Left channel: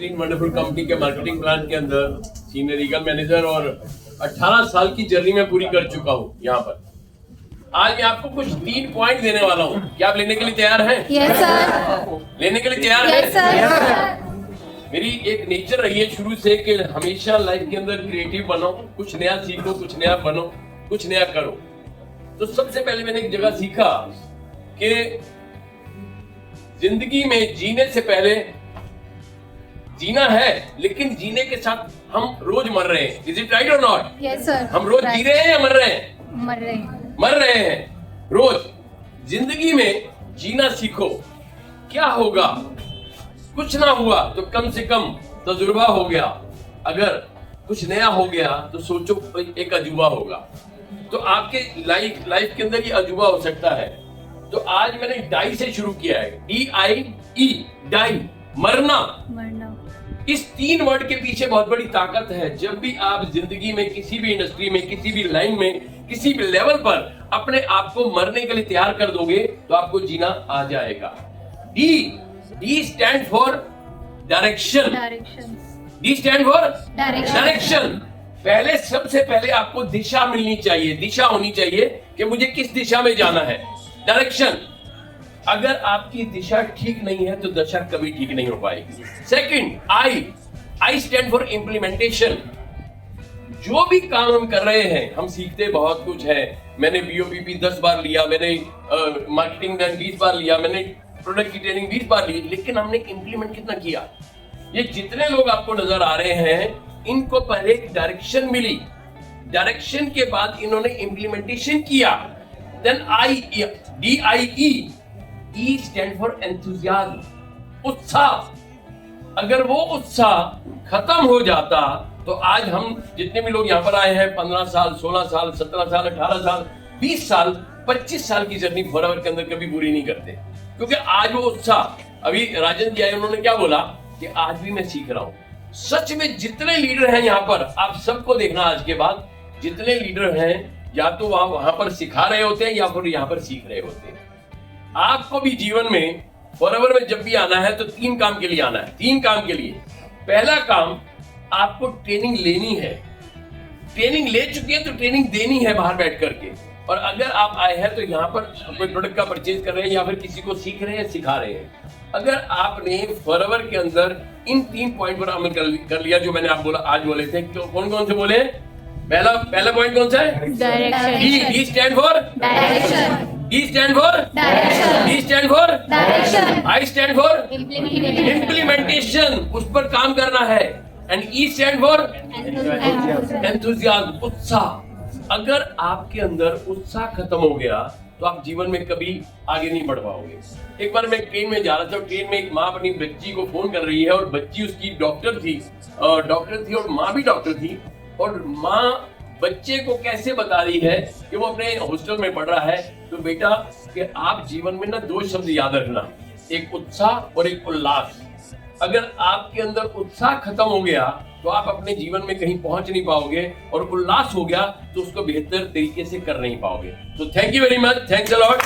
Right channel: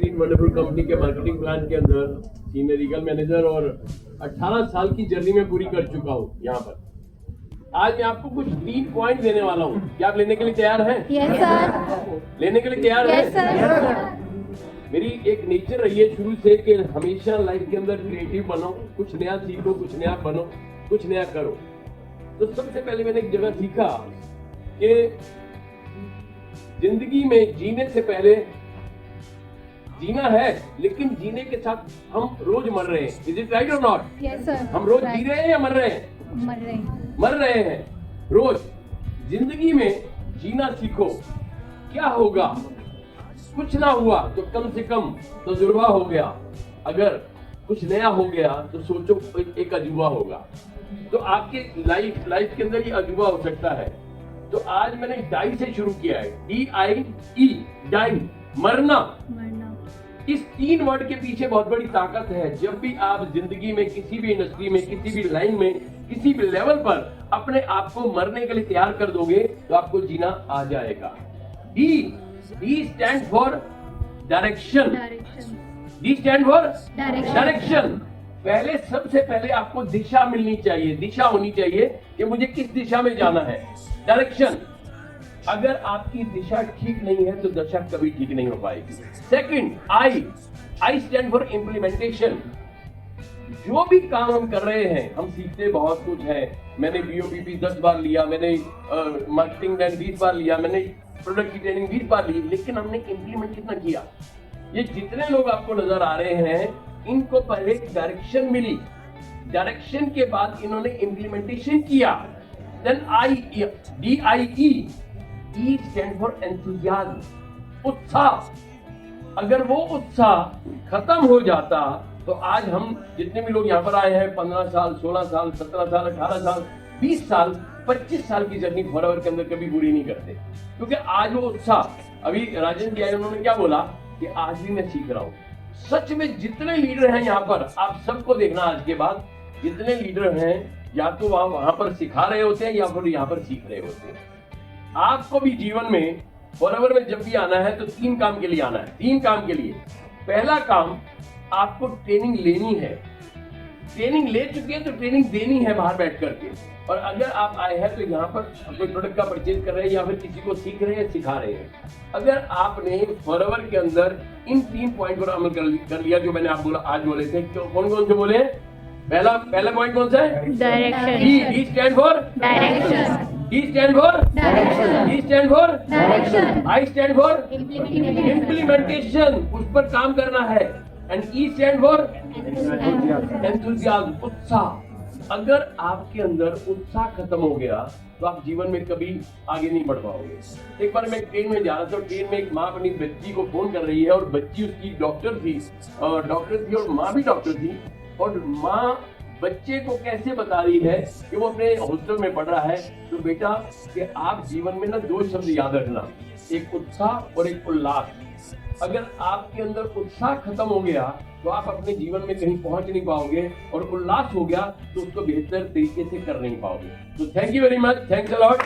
बेहतरीन wonderful company के marketing plan के अंदर सीनियर लीगल मैनेजर और 18 साल की जर्नी में पूरी कर चुका हूँ यहाँ पर। आज मैं आपको कुछ 3 पॉइंट देने वाला हूँ। क्या आप लेने के लिए तैयार हैं? Yes sir. लेने के लिए तैयार यस हैं? सर। मेरी एक नेचर रही है शुरू से कि हमेशा लाइफ के अंदर क्रिएटिव बनो, कुछ नया सीखो, कुछ नया बनो, कुछ नया करो। तो सबसे पहले मैंने एक जगह सीखा कि जिंदगी में जीने से पहले जीना है, लेकिन जीने के साथ हम रोज मर रहे हैं। इज इट राइट और नॉट? Yes sir. हम रोज जी रहे हैं या मर रहे हैं? मर रहे हैं। मर रहे हैं रोज। जिंदगी में जीना सीखो। क्या होगा? कुछ ना हुआ तो कम से कम तजुर्बा हो गया। अगर कुछ नया हो गया तो सोचो एक अजूबा होगा। तो आपके लाइफ के अंदर ये अजूबा हो सकता है। तो आज मैंने डाई से शुरू किया है। DIE, डाई, मरना। इस 3 वर्ड के पीछे बहुत बड़ी ताकत है। जब भी आप जिंदगी में किसी भी इंडस्ट्री में, किसी भी लाइन में, किसी भी लेवल पर अपने आप को मरने के लिए तैयार कर दोगे तो आपको जीना आ जाएगा। D stand for direction. D stand for direction. पहले सबसे पहले आपको दिशा मिलनी चाहिए, दिशा होनी चाहिए कि मुझे किस दिशा में जाना है। डायरेक्शन। अगर आपकी दिशा ठीक नहीं है तो दशा कभी ठीक नहीं हो पाएगी। Second, I stand for implementation. जो भी काम हम कर रहे हैं, हम सीखते बहुत कुछ है। मैंने BOPP 10 बार लिया, मैंने मार्केटिंग 20 बार लिया, मैंने प्रोडक्ट की ट्रेनिंग 20 बार ली, लेकिन हमने इम्प्लीमेंट कितना किया? ये जितने लोग आपको नजर आ रहे हैं, इनको पहले एक डायरेक्शन मिली, डायरेक्शन के बाद इन्होंने इम्प्लीमेंटेशन किया। Then DIE stand for enthusiasm, उत्साह। अगर वो उत्साह खत्म हो जाता तो आज हम जितने भी लोग यहाँ पर आए हैं 15 साल, 16 साल, 17 साल, 18 साल, 20 साल, 25 साल की जर्नी फॉरएवर के अंदर कभी पूरी नहीं करते, क्योंकि आज वो उत्साह। अभी राजन जी आए, उन्होंने क्या बोला कि आज भी मैं सीख रहा हूँ। सच में जितने लीडर हैं यहाँ पर, आप सबको देखना आज के बाद, जितने लीडर हैं या तो वहां पर सिखा रहे होते हैं या फिर यहाँ पर सीख रहे होते हैं। आपको भी जीवन में फॉरएवर में जब भी आना है तो 3 काम के लिए आना है। 3 काम के लिए। पहला काम, आपको ट्रेनिंग लेनी है। ट्रेनिंग ले चुके हैं तो ट्रेनिंग देनी है बाहर बैठ करके। और अगर आप आए हैं तो यहाँ पर कोई प्रोडक्ट का परचेज कर रहे हैं या फिर किसी को सीख रहे हैं, सिखा रहे हैं। अगर आपने फॉरएवर के अंदर इन 3 पॉइंट पर अमल कर लिया जो मैंने आप बोला आज बोले थे, तो कौन कौन से बोले? पहला पॉइंट कौन सा है? Direction. D stand for direction. D stand for direction. D stand for direction. I stand for implementation. Implementation, उस पर काम करना है। And E stand for enthusiasm, उत्साह। अगर आपके अंदर उत्साह खत्म हो गया तो आप जीवन में कभी आगे नहीं बढ़ पाओगे। एक बार मैं ट्रेन में जा रहा था, ट्रेन में एक माँ अपनी बच्ची को फोन कर रही है और बच्ची उसकी डॉक्टर थी और माँ भी डॉक्टर थी। और माँ बच्चे को कैसे बता रही है कि वो अपने हॉस्टल में पढ़ रहा है, तो बेटा कि आप जीवन में ना 2 शब्द याद रखना, एक उत्साह और एक उल्लास। अगर आपके अंदर उत्साह खत्म हो गया तो आप अपने जीवन में कहीं पहुंच नहीं पाओगे, और उल्लास हो गया तो उसको बेहतर तरीके से कर नहीं पाओगे। तो thank you very much, thanks a lot.